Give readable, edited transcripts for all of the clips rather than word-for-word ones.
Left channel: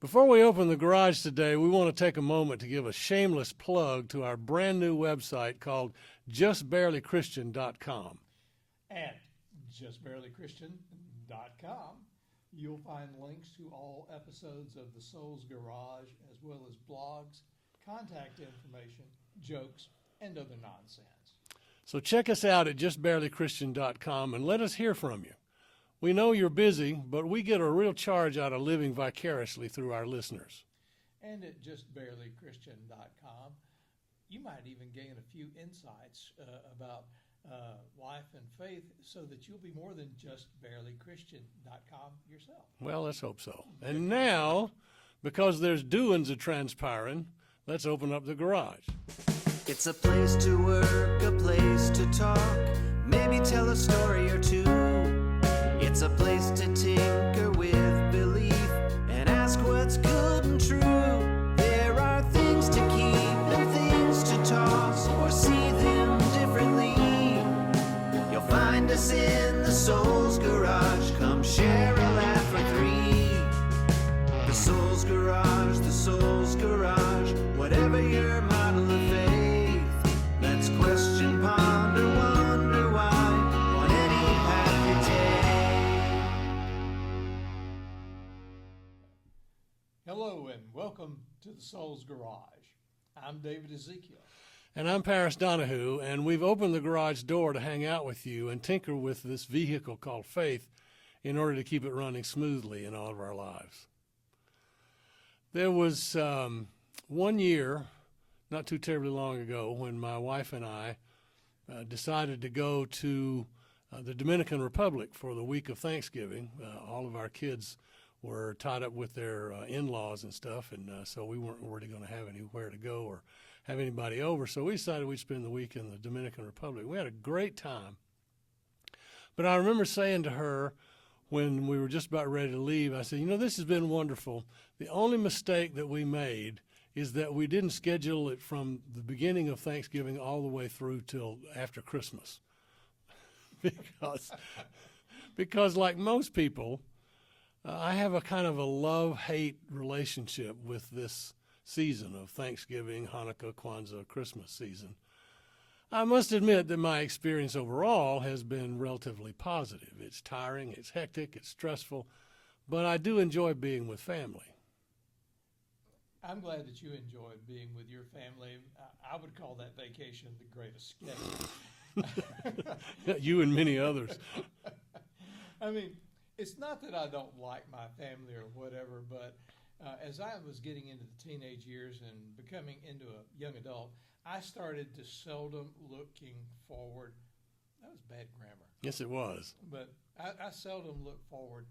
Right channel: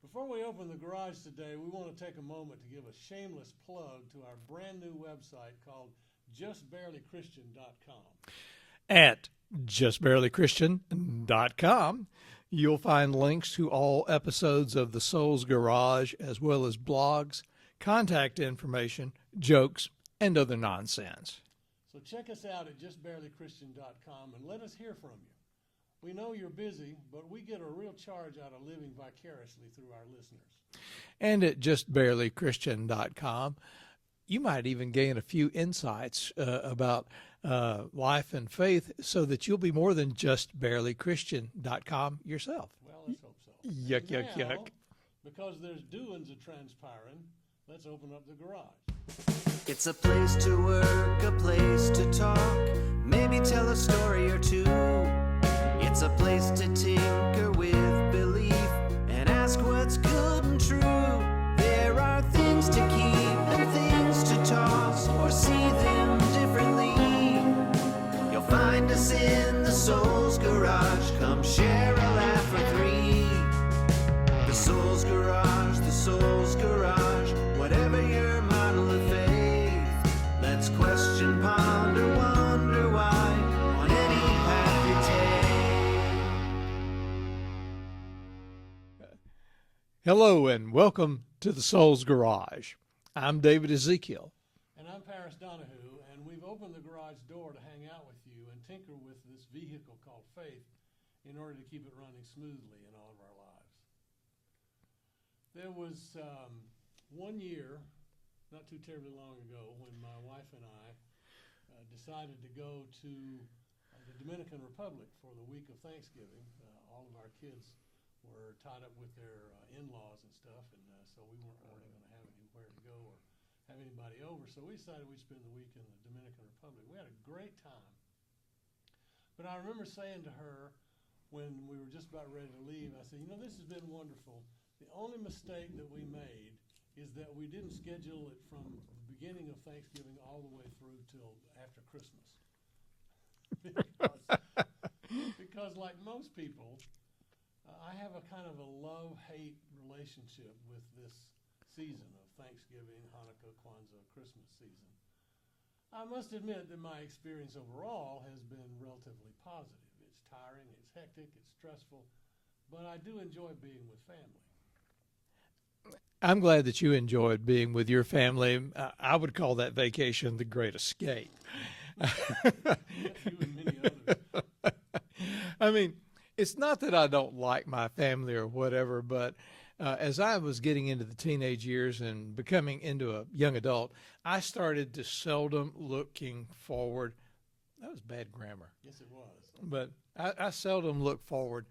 Before we open the garage today, we want to take a moment to give a shameless plug to our brand new website called justbarelychristian.com. At justbarelychristian.com, you'll find links to all episodes of The Soul's Garage, as well as blogs, contact information, jokes, and other nonsense. So check us out at justbarelychristian.com and let us hear from you. We know you're busy, but we get a real charge out of living vicariously through our listeners. And at justbarelychristian.com, you might even gain a few insights about life and faith so that you'll be more than justbarelychristian.com yourself. Well, let's hope so. Yuck, And yuck, now, yuck. because there's doings a transpiring, let's open up the garage. It's a place to work, a place to talk, maybe tell a story or two. It's a place to tinker with belief and ask what's good and true. There are things to keep and things to toss or see them differently. You'll find us in the Soul's Garage. Come share a laugh or three. The Soul's Garage, the Soul's Garage. Whatever your model of faith, let's question, ponder, wonder why on any path you take. Hello and welcome to the Soul's Garage. I'm David Ezekiel. And I'm Paris Donahue, and we've opened the garage door to hang out with you and tinker with this vehicle called faith in order to keep it running smoothly in all of our lives. There was one year, not too terribly long ago, when my wife and I decided to go to the Dominican Republic for the week of Thanksgiving. All of our kids were tied up with their in-laws and stuff, and so we weren't really going to have anywhere to go or have anybody over. So we decided we'd spend the week in the Dominican Republic. We had a great time. But I remember saying to her when we were just about ready to leave, I said, this has been wonderful. The only mistake that we made is that we didn't schedule it from the beginning of Thanksgiving all the way through till after Christmas. because like most people, I have a kind of a love-hate relationship with this season of Thanksgiving, Hanukah, Kwanza, Christmas season. I must admit that my experience overall has been relatively positive. It's tiring, it's hectic, it's stressful, but I do enjoy being with family. I'm glad that you enjoyed being with your family. I would call that vacation the Great Escape. You and many others. I mean, it's not that I don't like my family or whatever, but as I was getting into the teenage years and becoming into a young adult, I started to seldom looking forward. That was bad grammar. Yes, it was. But I seldom looked forward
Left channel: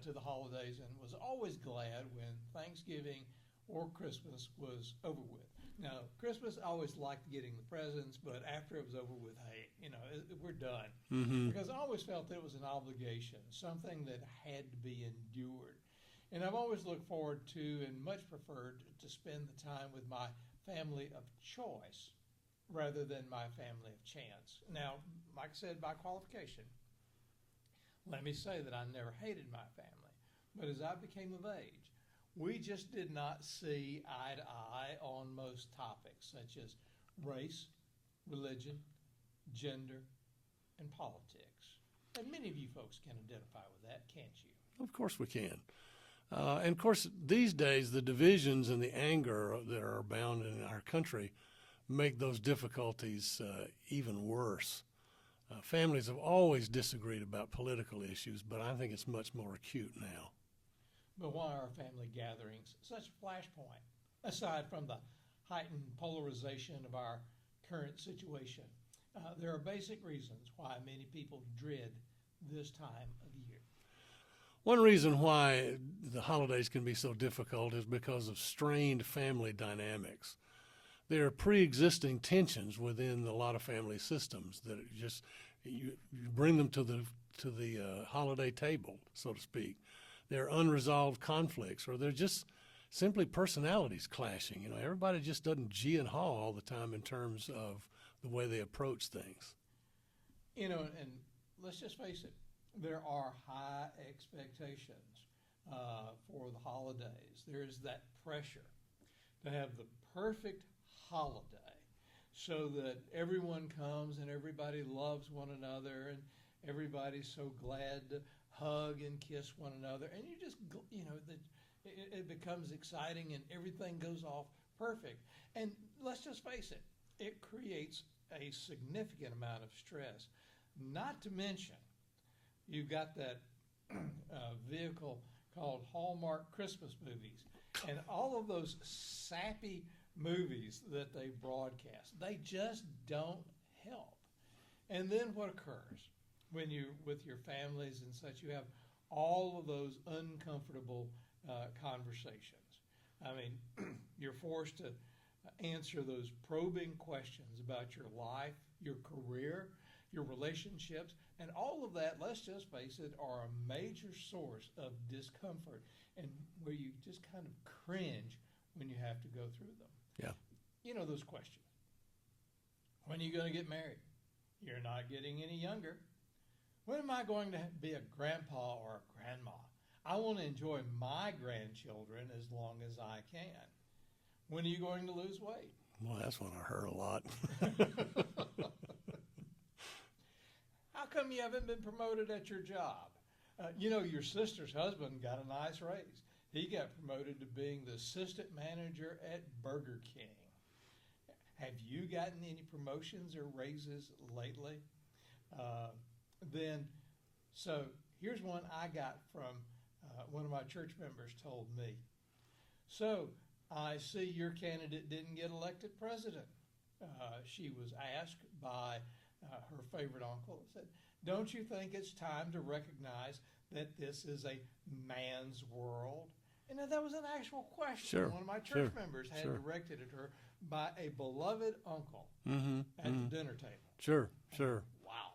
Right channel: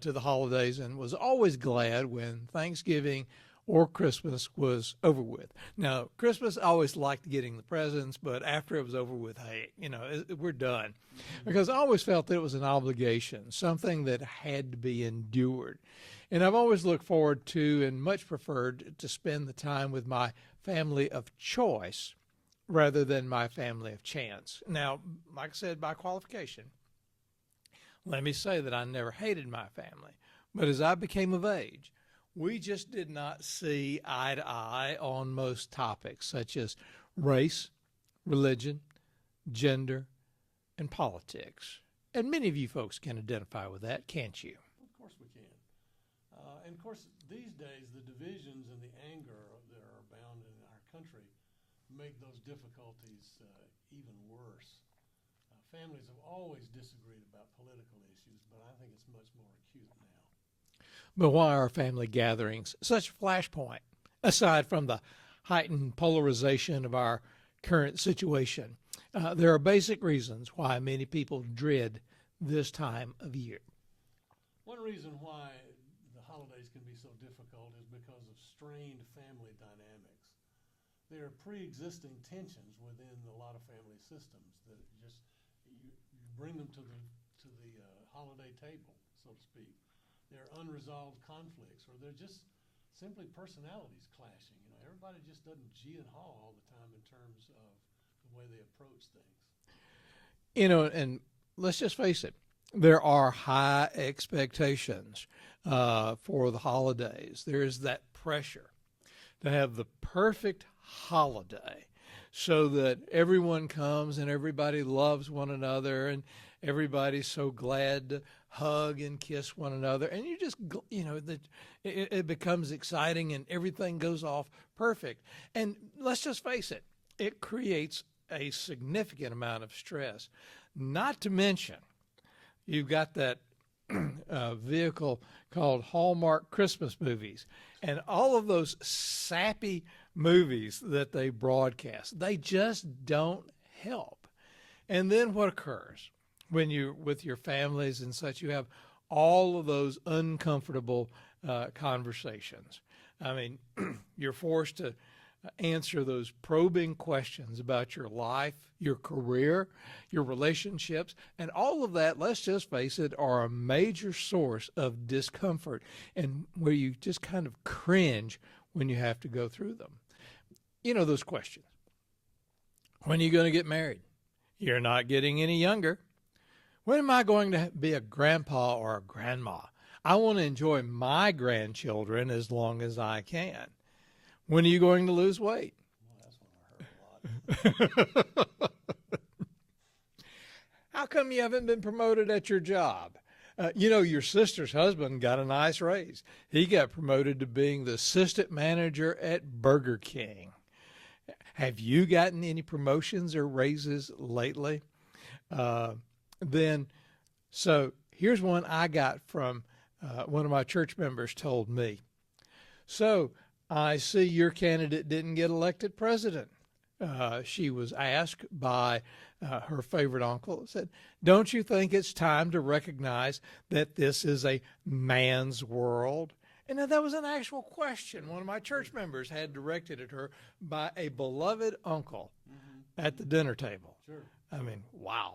to the holidays and was always glad when Thanksgiving or Christmas was over with. Now, Christmas, I always liked getting the presents, but after it was over with, hey, we're done. Mm-hmm. Because I always felt that it was an obligation, something that had to be endured. And I've always looked forward to and much preferred to spend the time with my family of choice rather than my family of chance. Now, like I said, by qualification, let me say that I never hated my family. But as I became of age, we just did not see eye to eye on most topics such as race, religion, gender, and politics. And many of you folks can identify with that, can't you? Of course we can. And of course, these days, the divisions and the anger that are abound in our country make those difficulties even worse. Families have always disagreed about political issues, but I think it's much more acute now. But why are family gatherings such a flashpoint, aside from the heightened polarization of our current situation? There are basic reasons why many people dread this time of year. One reason why the holidays can be so difficult is because of strained family dynamics. There are pre-existing tensions within a lot of family systems that just you bring them to the holiday table, so to speak. There are unresolved conflicts, or they're just simply personalities clashing. Everybody just doesn't gee and haw all the time in terms of the way they approach things. And let's just face it, there are high expectations for the holidays. There is that pressure to have the perfect holiday so that everyone comes and everybody loves one another and everybody's so glad to hug and kiss one another. And you just, it becomes exciting and everything goes off perfect. And let's just face it, it creates a significant amount of stress. Not to mention, you've got that vehicle called Hallmark Christmas movies, and all of those sappy movies that they broadcast, they just don't help. And then what occurs when you're with your families and such? You have all of those uncomfortable conversations. I mean, you're forced to answer those probing questions about your life, your career, your relationships, and all of that, let's just face it, are a major source of discomfort and where you just kind of cringe when you have to go through them. Yeah. You know those questions. When are you going to get married? You're not getting any younger. When am I going to be a grandpa or a grandma? I want to enjoy my grandchildren as long as I can. When are you going to lose weight? Well, that's one I heard a lot. How come you haven't been promoted at your job? Your sister's husband got a nice raise. He got promoted to being the assistant manager at Burger King. Have you gotten any promotions or raises lately? So here's one I got from one of my church members told me. So I see your candidate didn't get elected president. She was asked by her favorite uncle, said, don't you think it's time to recognize that this is a man's world? And that was an actual question. Sure, one of my church members had sure. directed at her by a beloved uncle at the dinner table. Sure, I sure. mean, wow.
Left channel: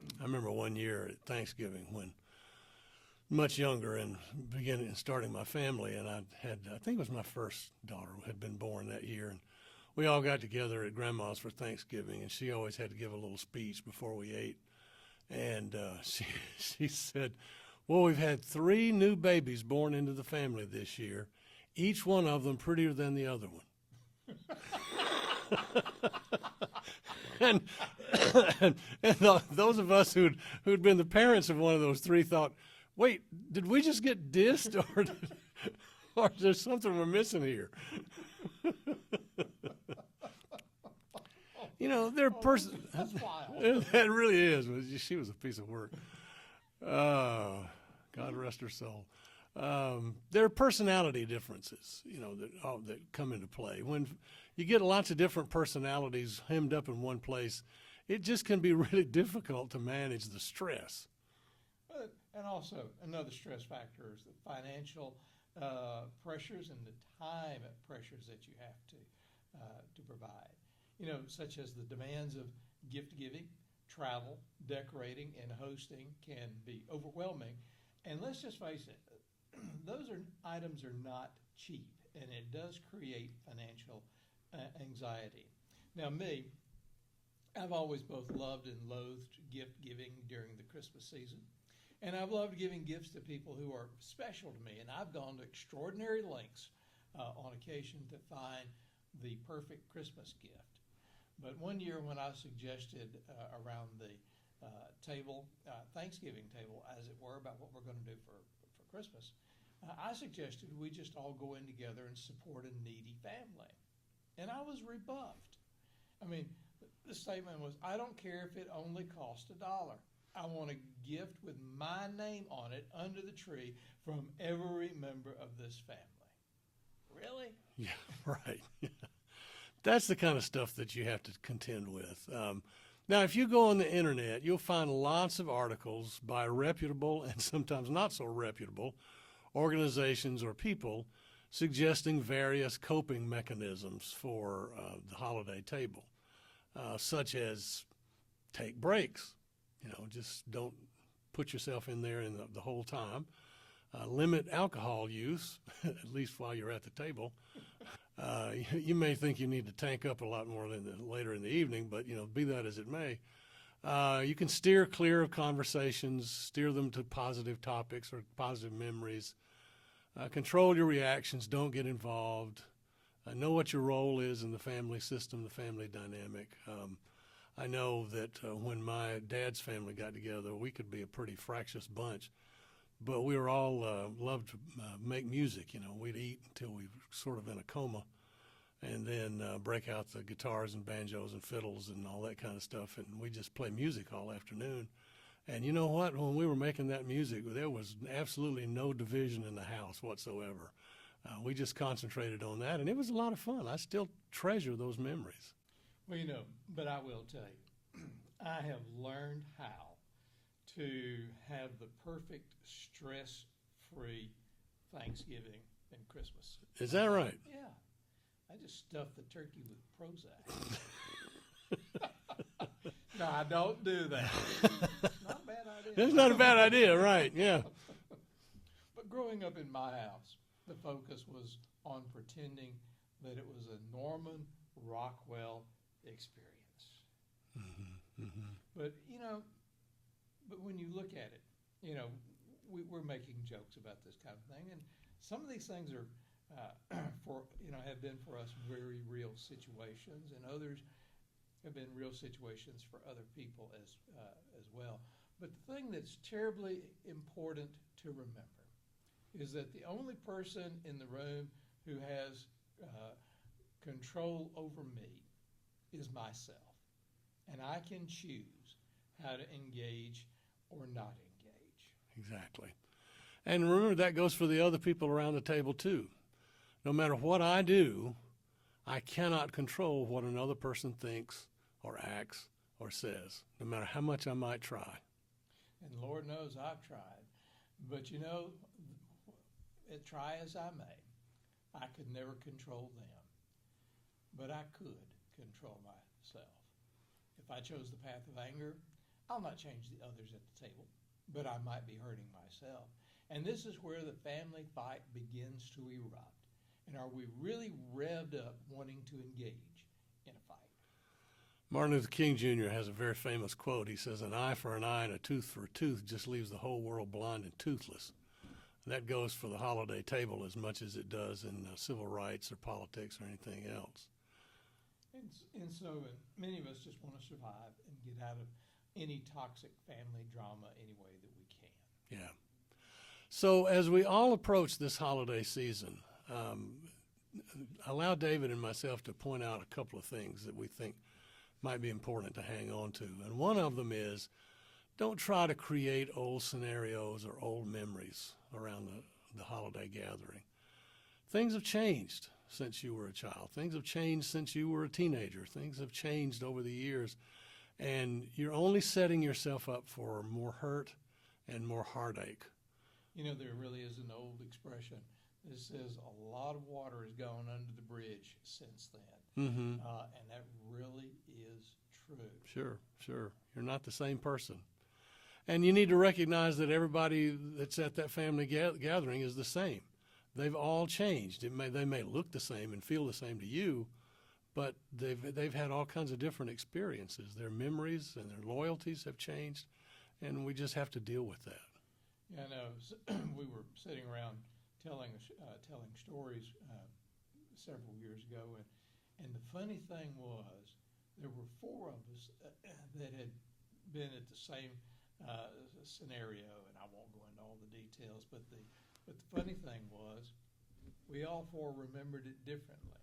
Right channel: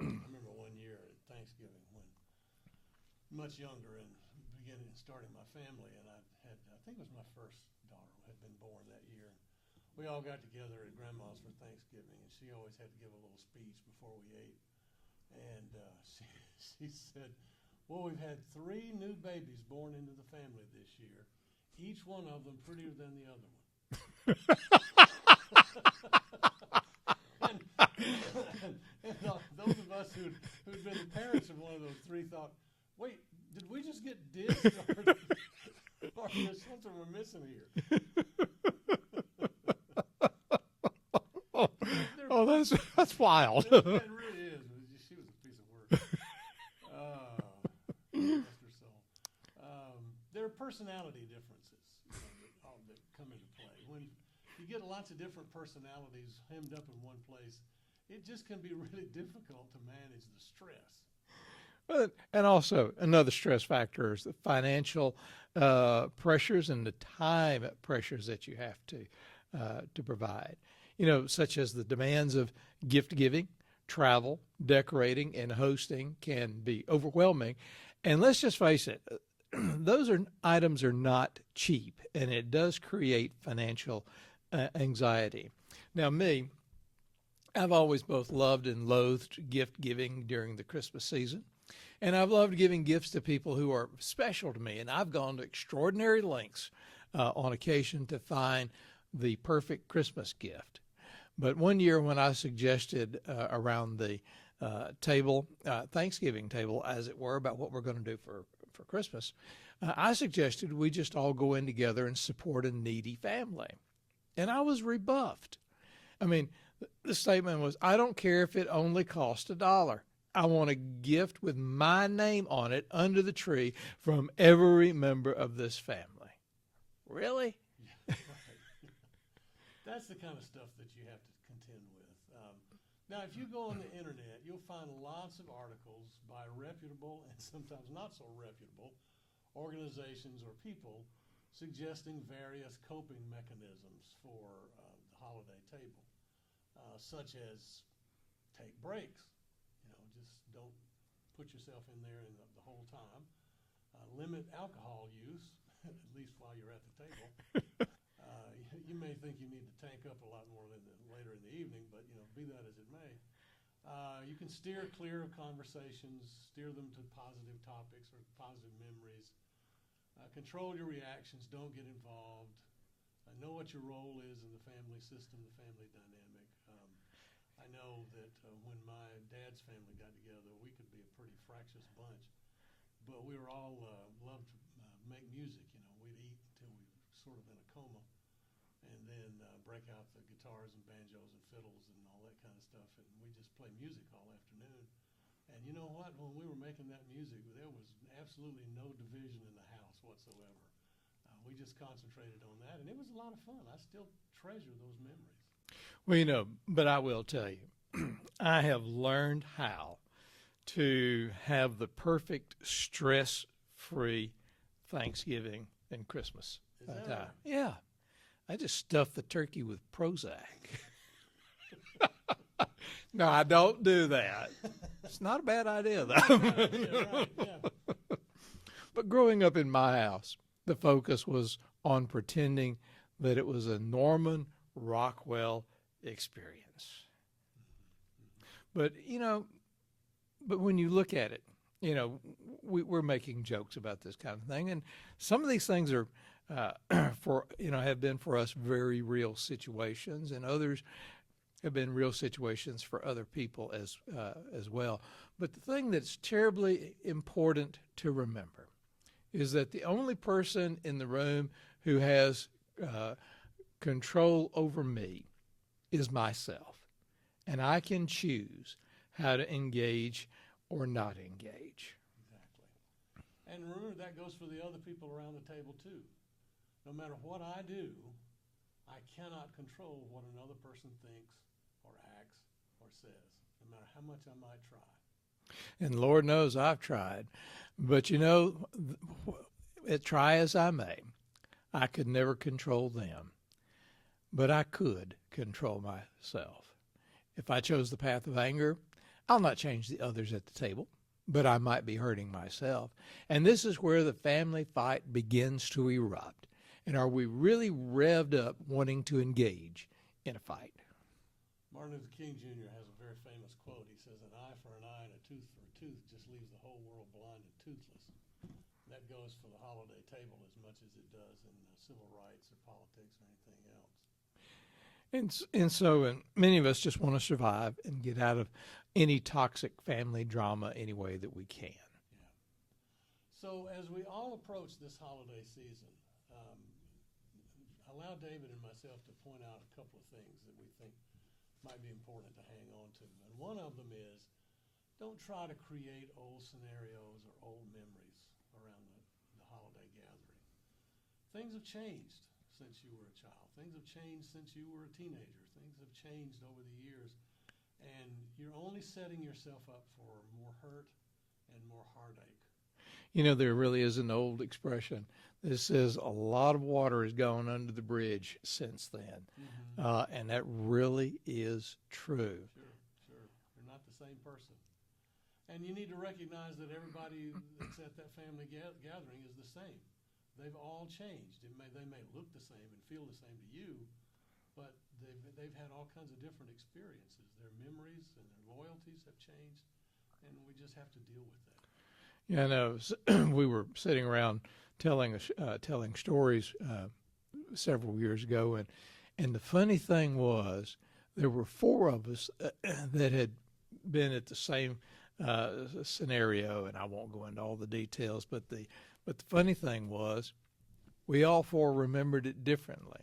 I remember one year at Thanksgiving when much younger and starting my family, and I think it was my first daughter had been born that year, and we all got together at Grandma's for Thanksgiving, and she always had to give a little speech before we ate, and she said, well, we've had 3 new babies born into the family this year, each one of them prettier than the other one. and those of us who'd been the parents of one of those 3 thought, wait, did we just get dissed, or there's something we're missing here? That's wild. It really is. She was a piece of work. Oh, God rest her soul. There are personality differences, that come into play. When you get lots of different personalities hemmed up in one place, it just can be really difficult to manage the stress. And also another stress factor is the financial pressures and the time pressures that you have to provide. Such as the demands of gift giving, travel, decorating, and hosting can be overwhelming. And let's just face it, those items are not cheap, and it does create financial anxiety. Now, I've always both loved and loathed gift giving during the Christmas season. And I've loved giving gifts to people who are special to me. And I've gone to extraordinary lengths on occasion to find the perfect Christmas gift. But one year when I suggested around the Thanksgiving table, as it were, about what we're going to do for Christmas, I suggested we just all go in together and support a needy family. And I was rebuffed. I mean, the statement was, I don't care if it only costs $1. I want a gift with my name on it under the tree from every member of this family. Really? Yeah, right. That's the kind of stuff that you have to contend with. Now, if you go on the internet, you'll find lots of articles by reputable and sometimes not so reputable organizations or people suggesting various coping mechanisms for the holiday table, such as take breaks. Just don't put yourself in there the whole time. Limit alcohol use, at least while you're at the table. You may think you need to tank up a lot more later in the evening, but be that as it may. You can steer clear of conversations, steer them to positive topics or positive memories. Control your reactions. Don't get involved. Know what your role is in the family system, the family dynamic. I know that when my dad's family got together, we could be a pretty fractious bunch, but we were all loved to make music. You know, we'd eat until we were sort of in a coma, and then break out the guitars and banjos and fiddles and all that kind of stuff, and we just play music all afternoon. And you know what? When we were making that music, there was absolutely no division in the house whatsoever. We just concentrated on that, and it was a lot of fun. I still treasure those memories. Well, you know, but I will tell you, I have learned how to have the perfect stress-free Thanksgiving and Christmas. Is that right? Yeah. I just stuff the turkey with Prozac. No, I don't do that. It's not a bad idea. It's not a bad idea, right? Yeah. But growing up in my house, the focus was on pretending that it was a Norman Rockwell experience. Mm-hmm, mm-hmm. But, you know, but when you look at it, you know, we're making jokes about this kind of thing. And some of these things are, have been for us very real situations, and others have been real situations for other people as well. But the thing that's terribly important to remember is that the only person in the room who has control over me is myself. And I can choose how to engage or not engage. Exactly. And remember, that goes for the other people around the table, too. No matter what I do, I cannot control what another person thinks or acts or says, no matter how much I might try. And Lord knows I've tried. But, you know, try as I may, I could never control them. But I could control myself. If I chose the path of anger, I'll not change the others at the table, but I might be hurting myself. And this is where the family fight begins to erupt. And are we really revved up wanting to engage in a fight? Martin Luther King Jr. has a very famous quote. He says, "An eye for an eye and a tooth for a tooth just leaves the whole world blind and toothless." And that goes for the holiday table as much as it does in civil rights or politics or anything else. And so many of us just want to survive and get out of any toxic family drama any way that we can. Yeah. So as we all approach this holiday season, allow David and myself to point out a couple of things that we think might be important to hang on to. And one of them is, don't try to create old scenarios or old memories around the holiday gathering. Things have changed since you were a child. Things have changed since you were a teenager. Things have changed over the years. And you're only setting yourself up for more hurt and more heartache. You know, there really is an old expression that says a lot of water has gone under the bridge since then. Mm-hmm. And that really is true. Sure. You're not the same person. And you need to recognize that everybody that's at that family gathering is the same. They've all changed. They may look the same and feel the same to you, but they've had all kinds of different experiences. Their memories and their loyalties have changed, and we just have to deal with that. Yeah, I know. We were sitting around telling stories several years ago, and the funny thing was there were four of us that had been at the same scenario, and I won't go into all the details, but the funny thing was we all four remembered it differently.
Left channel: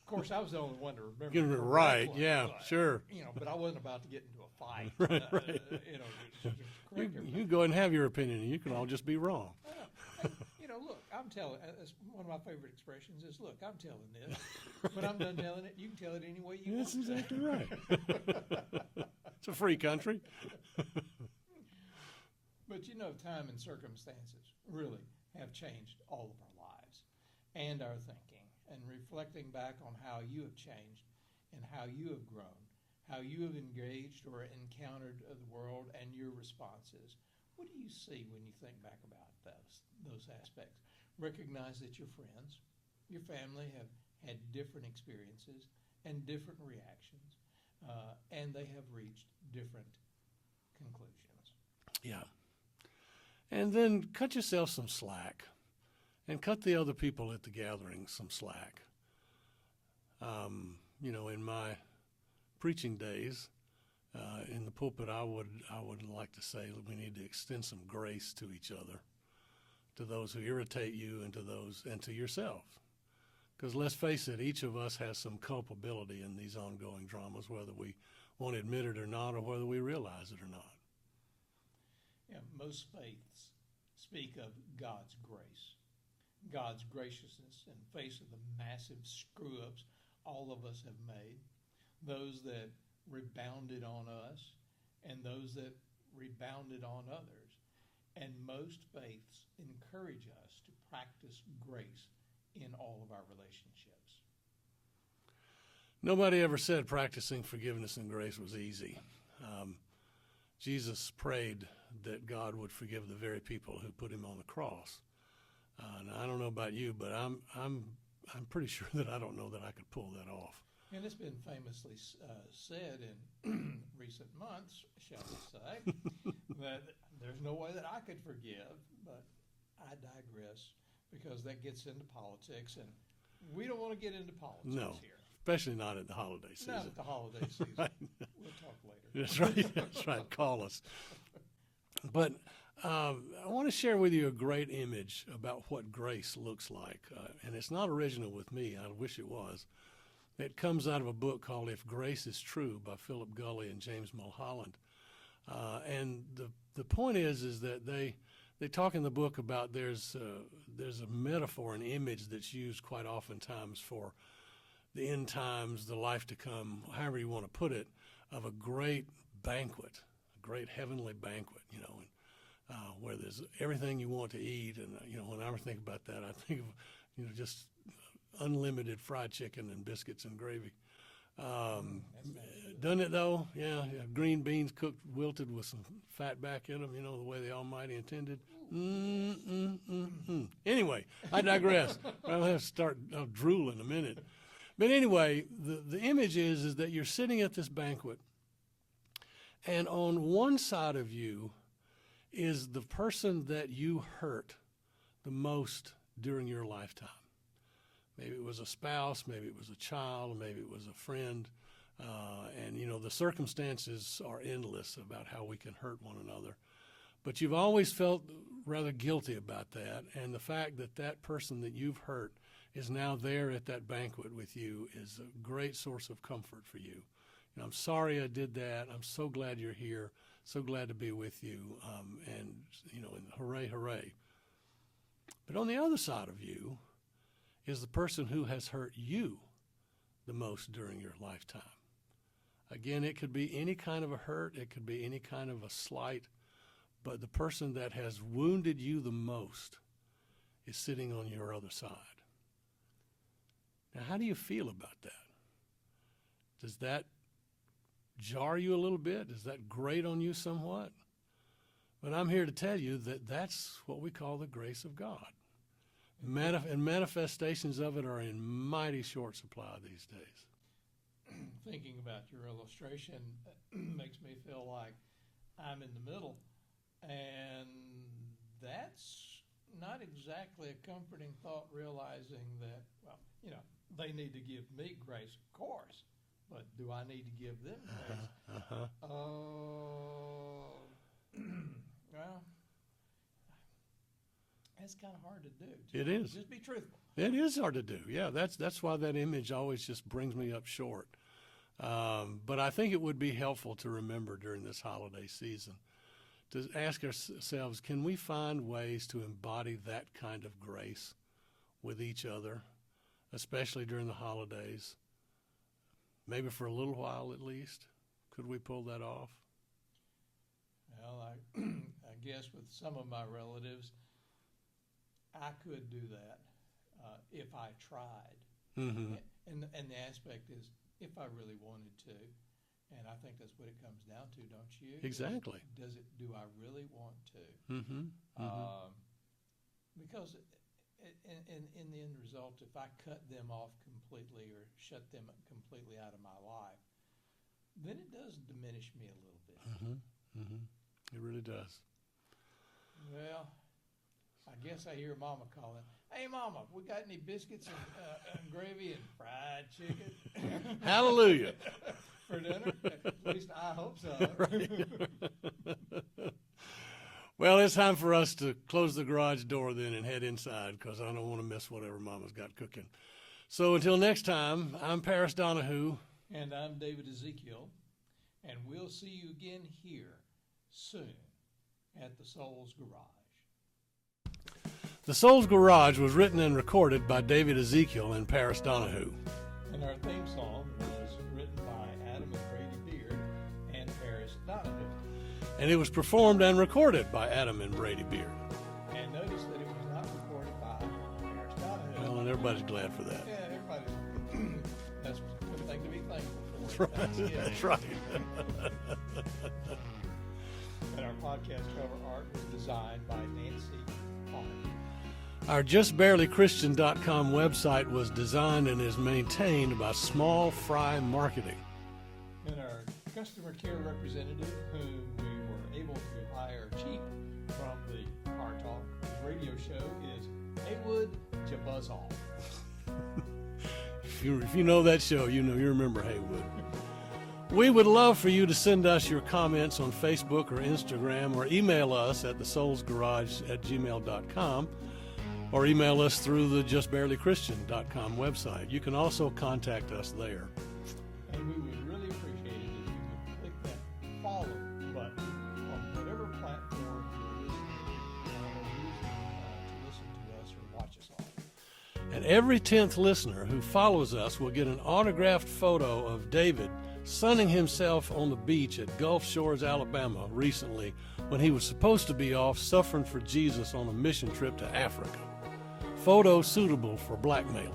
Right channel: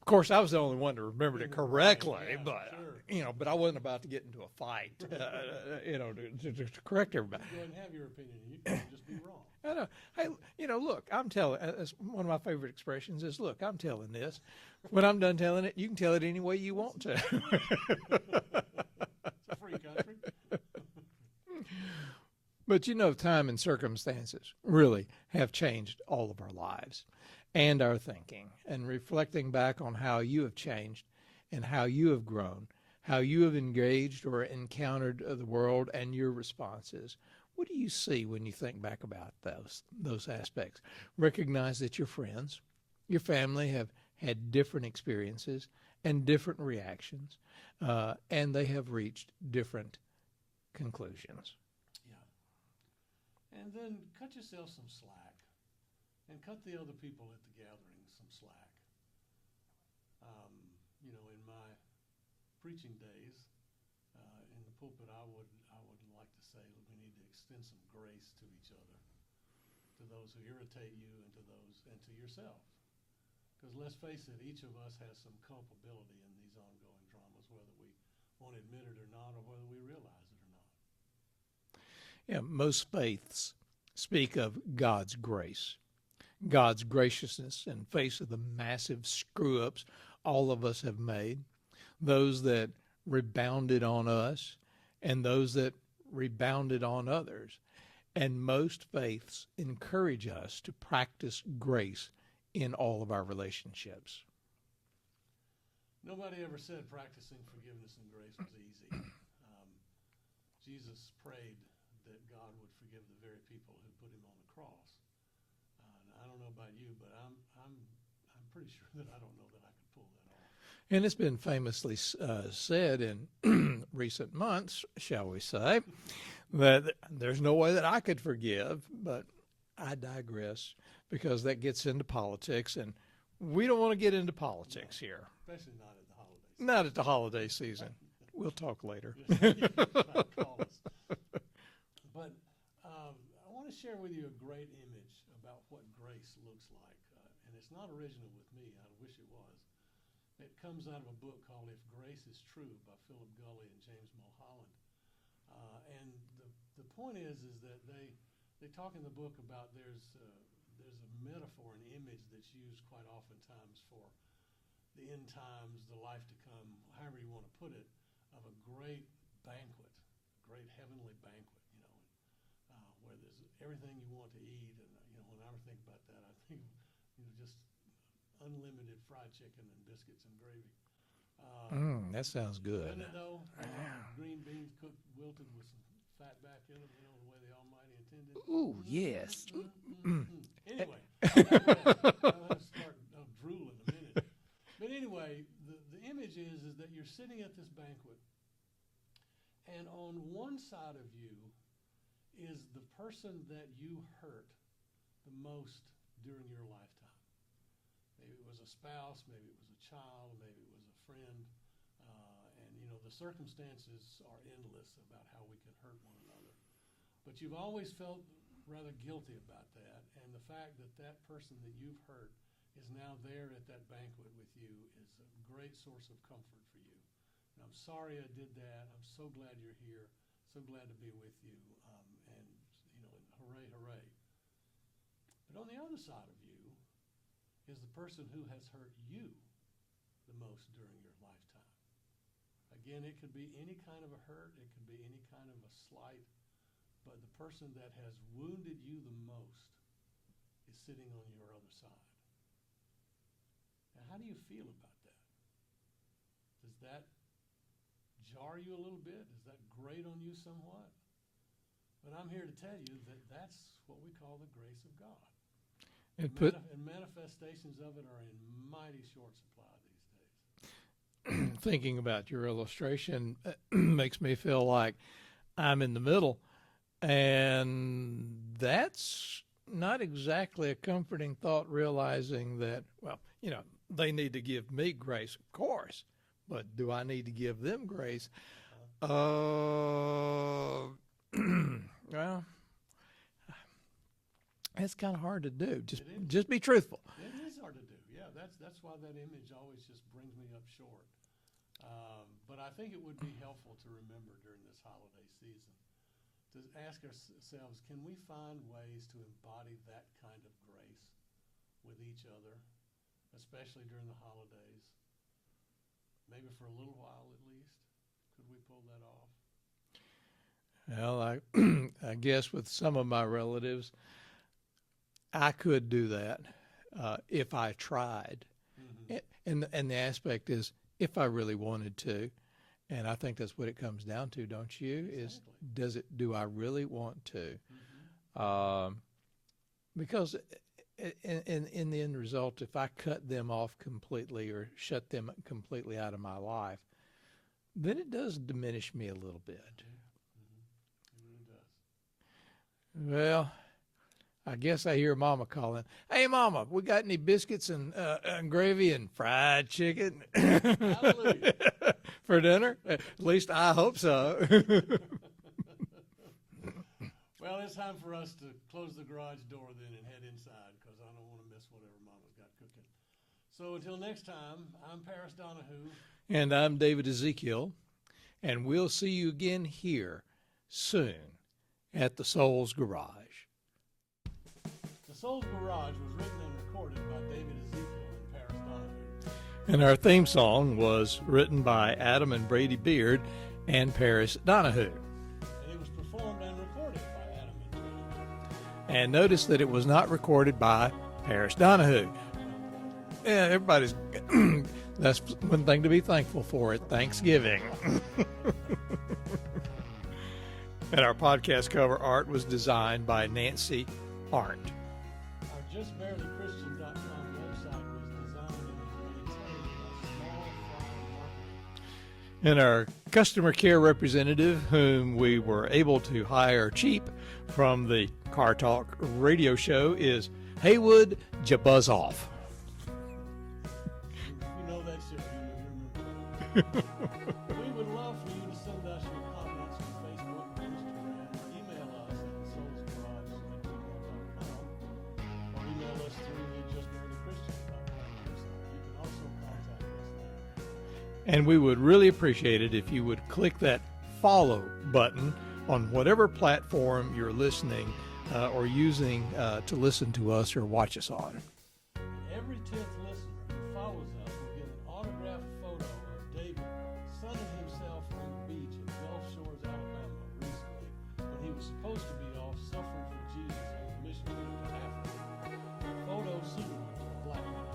Of course, I was the only one to remember it correctly. Right, yeah, but, sure. You know, but I wasn't about to get into a fight, Right. To correct everybody. You go ahead and have your opinion, and you can all just be wrong. I know. And, look, I'm telling, one of my favorite expressions is, look, I'm telling this. When I'm done telling it, you can tell it any way you want to. It's a free country. But, you know, time and circumstances really have changed all of our lives and our thinking. And reflecting back on how you have changed and how you have grown, how you have engaged or encountered the world and your responses, what do you see when you think back about those aspects? Recognize that your friends, your family have had different experiences and different reactions, and they have reached different conclusions. Yeah. And then cut yourself some slack. and cut the other people at the gathering some slack. In my preaching days, in the pulpit, I would like to say that we need to extend some grace to each other, to those who irritate you, and to yourself. Because let's face it, each of us has some culpability in these ongoing dramas, whether we want to admit it or not, or whether we realize it or not. Yeah, most faiths speak of God's grace, God's graciousness in face of the massive screw-ups all of us have made, those that rebounded on us and those that rebounded on others. And most faiths encourage us to practice grace in all of our relationships. Nobody ever said practicing forgiveness and grace was easy. Jesus prayed that God would forgive the very people who put him on the cross. Now, I don't know about you, but I'm pretty sure that I don't know that I could pull that off. And it's been famously said in recent months, shall we say, that there's no way that I could forgive, but I digress because that gets into politics, and we don't want to get into politics here. Especially not at the holiday season. Not at the holiday season. We'll talk later. That's right. That's right. Call us. But I want to share with you a great image about what grace looks like. And it's not original with me. I wish it was. It comes out of a book called If Grace is True by Philip Gulley and James Mulholland. And the point is that they talk in the book about there's a metaphor, an image that's used quite oftentimes for the end times, the life to come, however you want to put it, of a great banquet, a great heavenly banquet, where there's everything you want to eat. And, when I think about that, I think of, just unlimited fried chicken and biscuits and gravy. That sounds good. Doesn't it, though? Yeah. Green beans cooked, wilted with some fat back in them, the way the Almighty intended. Ooh, yes. Anyway, I digress. I'll have to start drooling in a minute. But anyway, the image is that you're sitting at this banquet, and on one side of you is the person that you hurt the most during your lifetime. Maybe it was a spouse, maybe it was a child, maybe it was a friend. And the circumstances are endless about how we can hurt one another. But you've always felt rather guilty about that. And the fact that person that you've hurt is now there at that banquet with you is a great source of comfort for you. I'm sorry I did that. I'm so glad you're here. So glad to be with you. And hooray, hooray. But on the other side of you is the person who has hurt you the most during your lifetime. Again, it could be any kind of a hurt. It could be any kind of a slight. But the person that has wounded you the most is sitting on your other side. Now, how do you feel about that? Does that jar you a little bit? Does that grate on you somewhat? But I'm here to tell you that that's what we call the grace of God. And manifestations of it are in mighty short supply these days. Thinking about your illustration makes me feel like I'm in the middle, and that's not exactly a comforting thought, realizing that, they need to give me grace, of course, but do I need to give them grace? Well, it's kind of hard to do. It is. Just be truthful. It is hard to do. Yeah, that's why that image always just brings me up short. But I think it would be helpful to remember during this holiday season to ask ourselves, can we find ways to embody that kind of grace with each other, especially during the holidays? Maybe for a little while at least. Could we pull that off? Well, I guess with some of my relatives, I could do that if I tried. Mm-hmm. And the aspect is if I really wanted to. And I think that's what it comes down to, don't you? Exactly. Do I really want to? Mm-hmm. Because in the end result, if I cut them off completely or shut them completely out of my life, then it does diminish me a little bit. Mm-hmm. Mm-hmm. It really does. Well, I guess I hear Mama calling. Hey, Mama, we got any biscuits and gravy and fried chicken? Hallelujah. For dinner? At least I hope so. Well, it's time for us to close the garage door then and head inside because I don't want to miss whatever Mama's got cooking. So until next time, I'm Paris Donahue. And I'm David Ezekiel. And we'll see you again here soon at the Soul's Garage. The Soul's Garage was written and recorded by David Ezekiel and Paris Donahue. And our theme song was written by Adam and Brady Beard and Paris Donahue. And it was performed and recorded by Adam and Brady Beard. And notice that it was not recorded by Paris Donahue. Well, and everybody's glad for that. Yeah, everybody's. That's one thing to be thankful for at Thanksgiving. Right. And our podcast cover art was designed by Nancy Hart. Our JustBarelyChristian.com website was designed and is maintained by Small Fry Marketing. And our customer care representative, whom we were able to hire cheap from the Car Talk radio show, is Haywood Jabuzzoff. If you know that show, you remember Haywood. We would love for you to send us your comments on Facebook or Instagram, or email us at thesoulsgarage@gmail.com, or email us through the JustBarelyChristian.com website. You can also contact us there. And we would really appreciate it if you would click that follow button on whatever platform you're listening or using to listen to us or watch us on. And every 10th listener who follows us will get an autographed photo of David sunning himself on the beach at Gulf Shores, Alabama recently when he was supposed to be off suffering for Jesus on a mission trip to Africa. Photo suitable for blackmailing.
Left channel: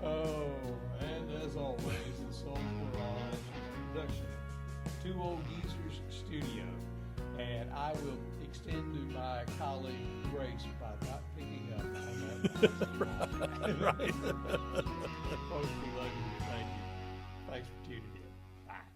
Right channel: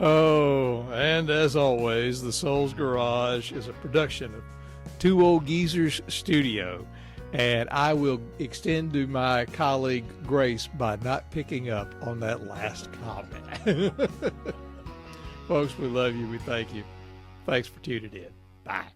Oh, and as always, the Soul's Garage is a production of Two Old Geezers Studio. And I will extend to my colleague Grace by not picking up on that last comment. Folks, we love you. We thank you. Thanks for tuning in. Bye.